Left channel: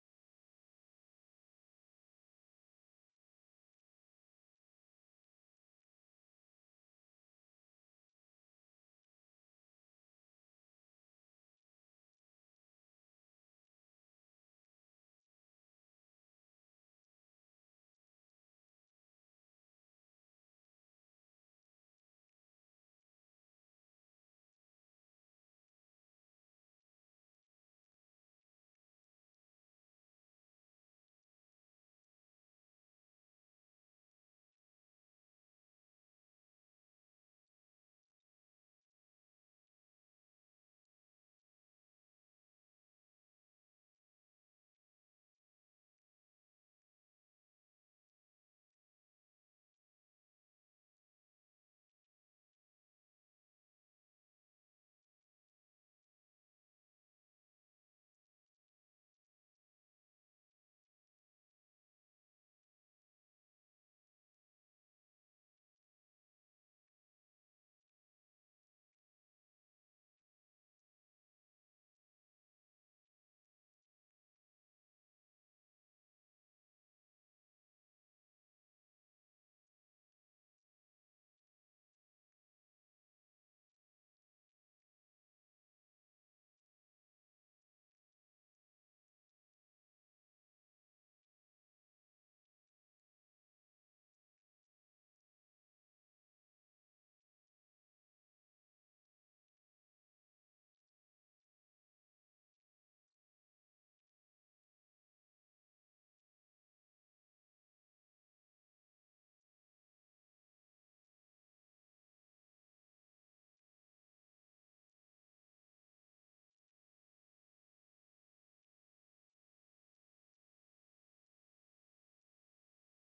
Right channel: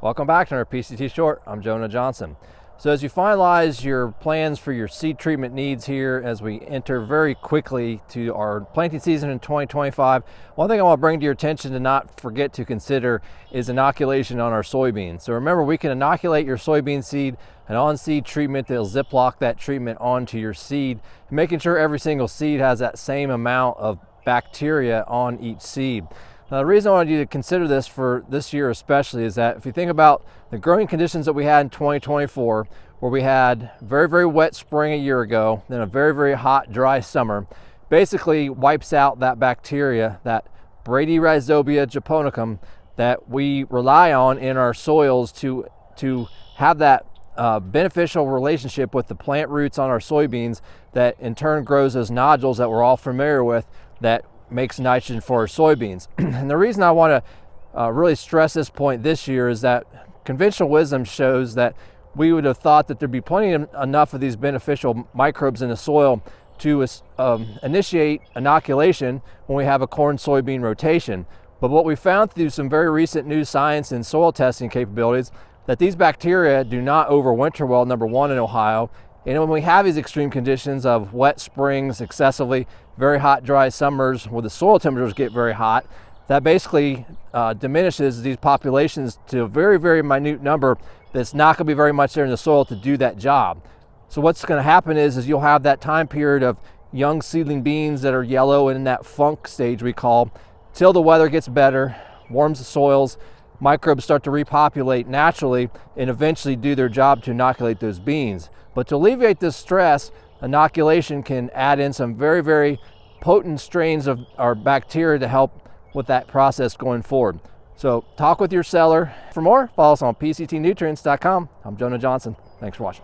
Welcome back to our PCT Short. I'm Jonah Johnson. So as you finalize your plans for your seed treatment needs here as we enter very quickly to our planting season in 2025, one thing I want to bring to your attention to not forget to consider is inoculation on our soybeans. So remember, we can inoculate your soybean seed, an on-seed treatment that'll ziplock that treatment onto your seed, making sure every single seed has that same amount of bacteria on each seed. Now, the reason I wanted you to consider this for this year especially is that if you think about the growing conditions that we had in 2024, where we had very, very wet spring a year ago, then a very, very hot, dry summer, basically wipes out that bacteria, that Bradyrhizobia japonicum, that we rely on in our soils to have that beneficial relationship with the plant roots on our soybeans that in turn grows those nodules that we're all familiar with that makes nitrogen for our soybeans. And the reason I want to really stress this point this year is that conventional wisdom shows that we would have thought that there'd be enough of these beneficial microbes in the soil to initiate inoculation when we have a corn-soybean rotation. But what we found through some very recent new science and soil testing capabilities, that these bacteria do not overwinter well, number one, in Ohio. And when we have these extreme conditions of wet springs, excessively very hot, dry summers where the soil temperatures get very hot, that basically diminishes these populations to a very, very minute number that's not going to be very much there in the soil to do that job. So what's going to happen is you'll have that time period of young seedling beans that are yellow and in that funk stage we call, till the weather gets better, warms the soils, microbes start to repopulate naturally and eventually do their job to inoculate those beans. But to alleviate this stress, inoculation can add in some very, very potent strains of our bacteria to help with that process going forward. So talk with your seller. For more, follow us on PCTnutrients.com. I'm Jonah Johnson. Thanks for watching.